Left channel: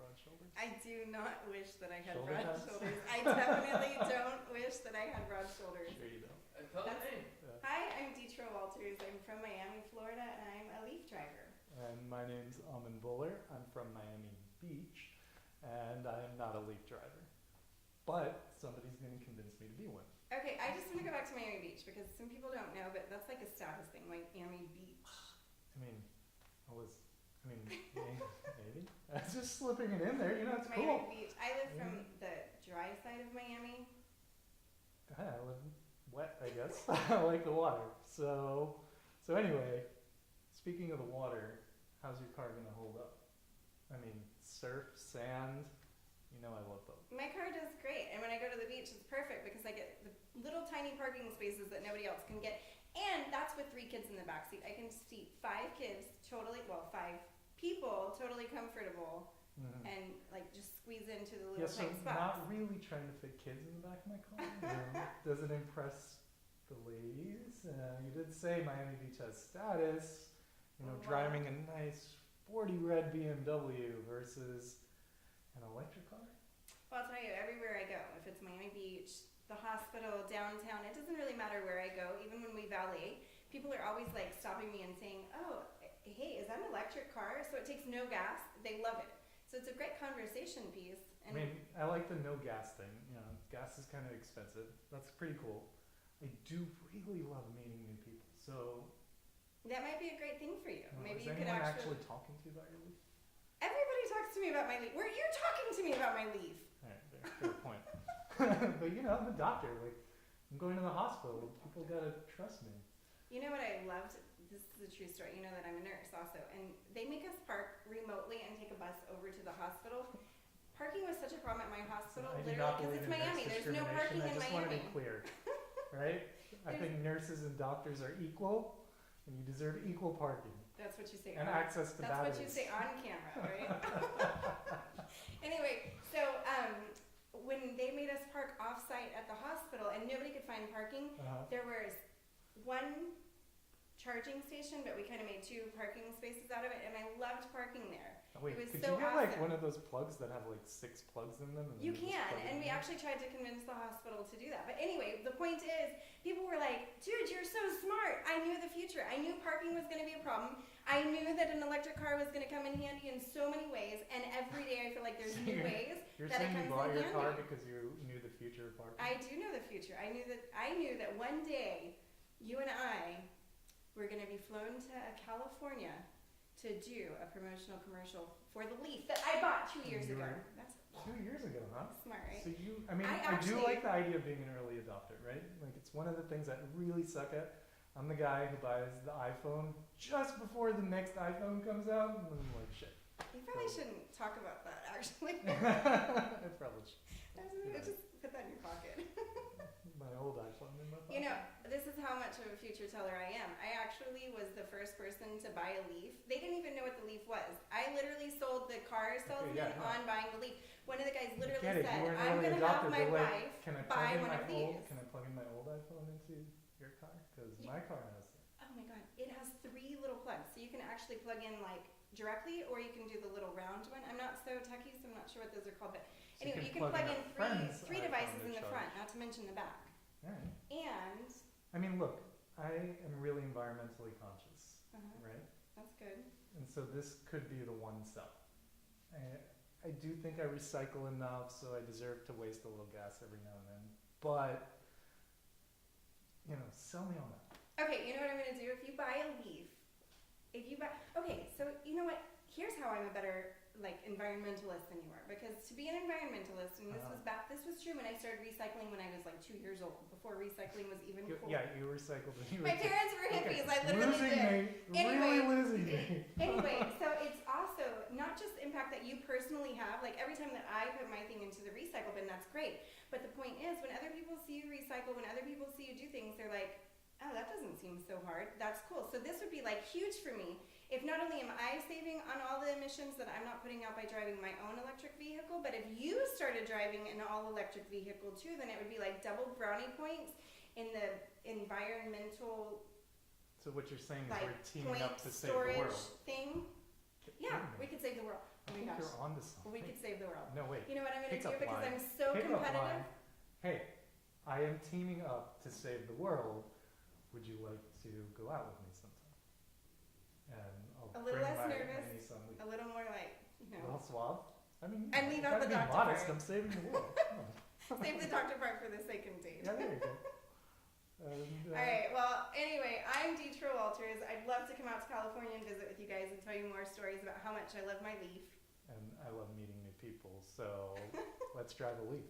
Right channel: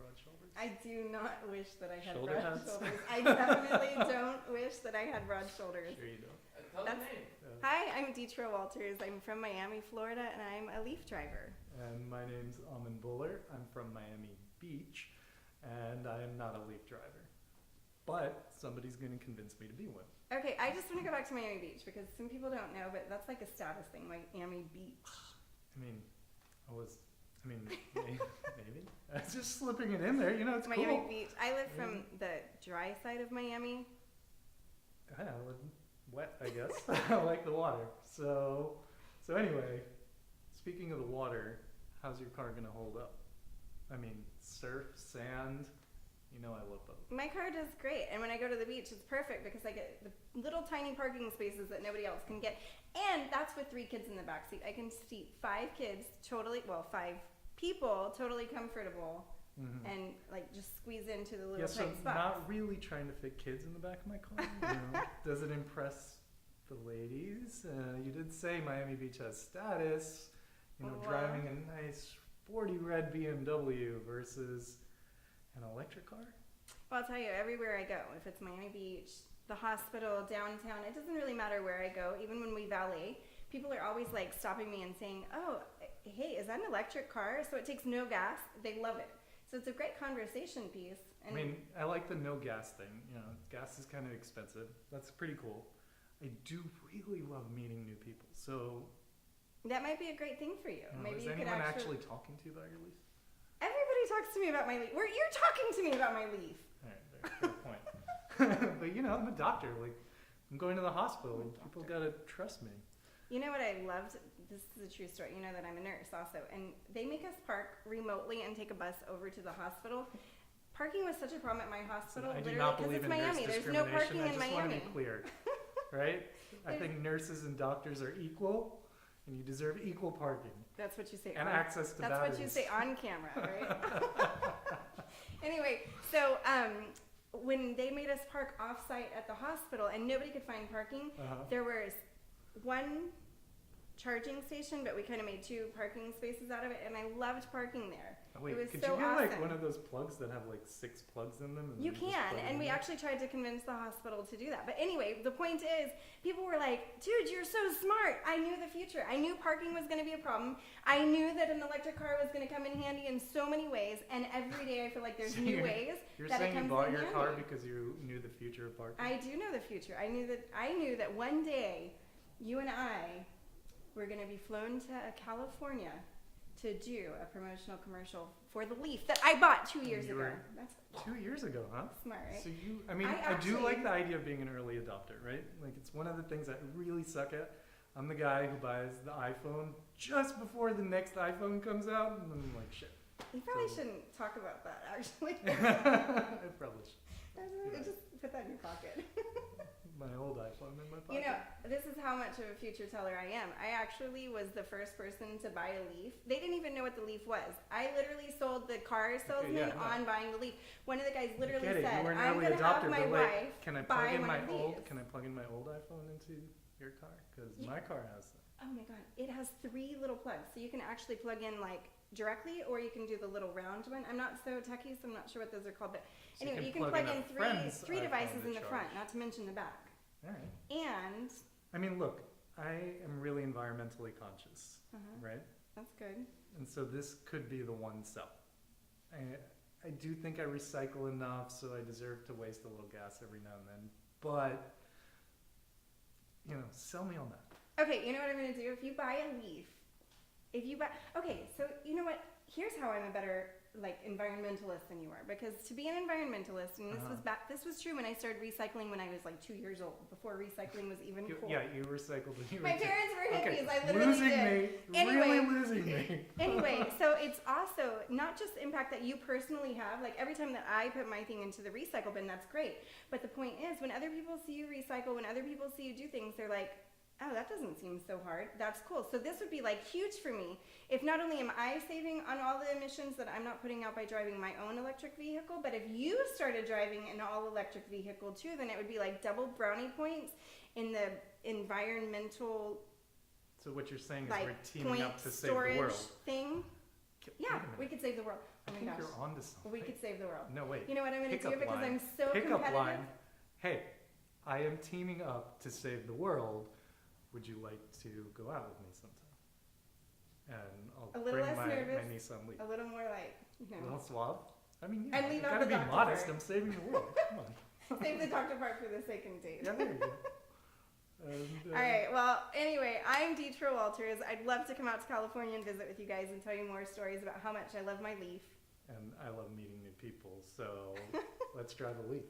broad shoulders? I do not wish that I had Shoulder broad pads? shoulders. I definitely don't wish that I had broad shoulders. Sure you don't. Tell the That's- name. Hi, I'm Deetra Walters. I'm from Miami, Florida, and I'm a Leaf driver. And my name's Amin Buller. I'm from Miami Beach, and I'm not a Leaf driver. But somebody's going to convince me to be one. Okay, I just want to go back to Miami Beach because some people don't know, but that's like a status thing, Miami Beach. Maybe. I was just slipping it in there. You know, it's Miami cool. Beach. I live from the dry side of Miami. Yeah, wet, I guess. I like the water. So anyway, speaking of the water, how's your car going to hold up? I mean, surf, sand, you know I love both. My car does great, and when I go to the beach, it's perfect because I get the little tiny parking spaces that nobody else can get. And that's with 3 kids in the backseat. I can seat 5 kids totally, 5 people totally comfortable, and like just squeeze into the little so tight spots. not really trying to fit kids in the back of my car. You know? Does it impress the ladies? You did say Miami Beach has status. You know, driving a nice 40 red BMW versus an electric car. Well, I'll tell you, everywhere I go, if it's Miami Beach, the hospital, downtown, it doesn't really matter where I go. Even when we valet, people are always like stopping me and saying, "Oh, hey, is that an electric car?" So it takes no gas. They love it. So it's a great conversation piece. And I mean, I like the no gas thing. You know, gas is kind of expensive. That's pretty cool. I do really love meeting new people. So that might be a great thing for you. Maybe is you could anyone actually talking to you about your leaf? Everybody talks to me about my leaf. You're talking to me about my leaf. Right, good point. But you know, I'm a doctor. Like, I'm going to the hospital. People gotta trust me. You know what I loved? This is a true story. You know that I'm a nurse also, and they make us park remotely and take a bus over to the hospital. Parking was such a problem at my hospital. I do not believe in Miami. nurse There's no parking discrimination. I in just want to Miami. be clear, right? I think nurses and doctors are equal, and you deserve equal parking That's what you say. and access to That's batteries. what you say on camera, right? Anyway, so when they made us park off-site at the hospital and nobody could find parking, there was one charging station, but we kind of made 2 parking spaces out of it, and I loved parking there. Wait, it was could so you get awesome. like one of those plugs that have like 6 plugs in them? And You just can, plug it and in we there? actually tried to convince the hospital to do that. But anyway, the point is, people were like, "Dude, you're so smart." I knew the future. I knew parking was going to be a problem. I knew that an electric car was going to come in handy in so many ways, and every day I feel like there's So new ways You're that it saying you comes bought in your car handy. because you knew the future of parking? I do know the future. I knew that one day you and I were going to be flown to California to do a promotional commercial for the Leaf that I bought 2 years ago. That's 2 years ago, huh? smart, right? So I do like the idea of being an early adopter, right? Like, it's one of the things that I really suck at. I'm the guy who buys the iPhone just before the next iPhone comes out, and then I'm like, shit. You probably shouldn't talk about that, actually. I probably should. Just put that in your pocket. My old iPhone in my pocket. You know, this is how much of a future teller I am. I actually was the first person to buy a Leaf. They didn't even know what the Leaf was. I literally sold the car salesman on buying the Leaf. One of the guys literally said, You were an "I'm early going to have adopter, my but like, wife can I buy plug in one my of old? these." Can I plug in my old iPhone into your car? Because my car has that. Oh my god, it has 3 little plugs, so you can actually plug in like directly, or you can do the little round one. I'm not so techy, so I'm not sure what those are called, but So anyway, you can plug plug in a friend's 3 iPhone devices to in the charge. front, not to mention the back. All right. And I mean, look, I am really environmentally conscious, right? that's good. And so this could be the one sell. I do think I recycle enough, so I deserve to waste a little gas every now and then. But, you know, sell me on that. Okay, you know what I'm going to do? If you buy a Leaf, okay, so you know what? Here's how I'm a better environmentalist than you are, because to be an environmentalist, and this was true when I started recycling when I was like 2 years old, before recycling was even cool. Yeah, you recycled. My parents were hippies. Okay. I literally Losing did. me, really losing me. Anyway, so it's also not just the impact that you personally have. Like every time that I put my thing into the recycle bin, that's great. But the point is, when other people see you recycle, when other people see you do things, they're like, "Oh, that doesn't seem so hard. That's cool." So this would be like huge for me. If not only am I saving on all the emissions that I'm not putting out by driving my own electric vehicle, but if you started driving an all-electric vehicle too, then it would be like double brownie points in the environmental. So what you're saying is Like we're teaming up to save the storage world. thing. Yeah, we could save the world. Oh my think gosh. you're onto something. We could save the world. No, wait. You know what I'm going to do Pickup because line. I'm so Pickup competitive? line. Hey, I am teaming up to save the world. Would you like to go out with me sometime? And I'll A little bring less my nervous. Nissan Leaf. A little more like, A little suave. I mean, And you leave out gotta the be doctor modest. part. I'm saving the world. Come on. save the doctor part for the second date. Yeah, there you go. And, All right. Well, anyway, I'm Deetra Walters. I'd love to come out to California and visit with you guys and tell you more stories about how much I love my Leaf. And I love meeting new people, so let's drive a Leaf.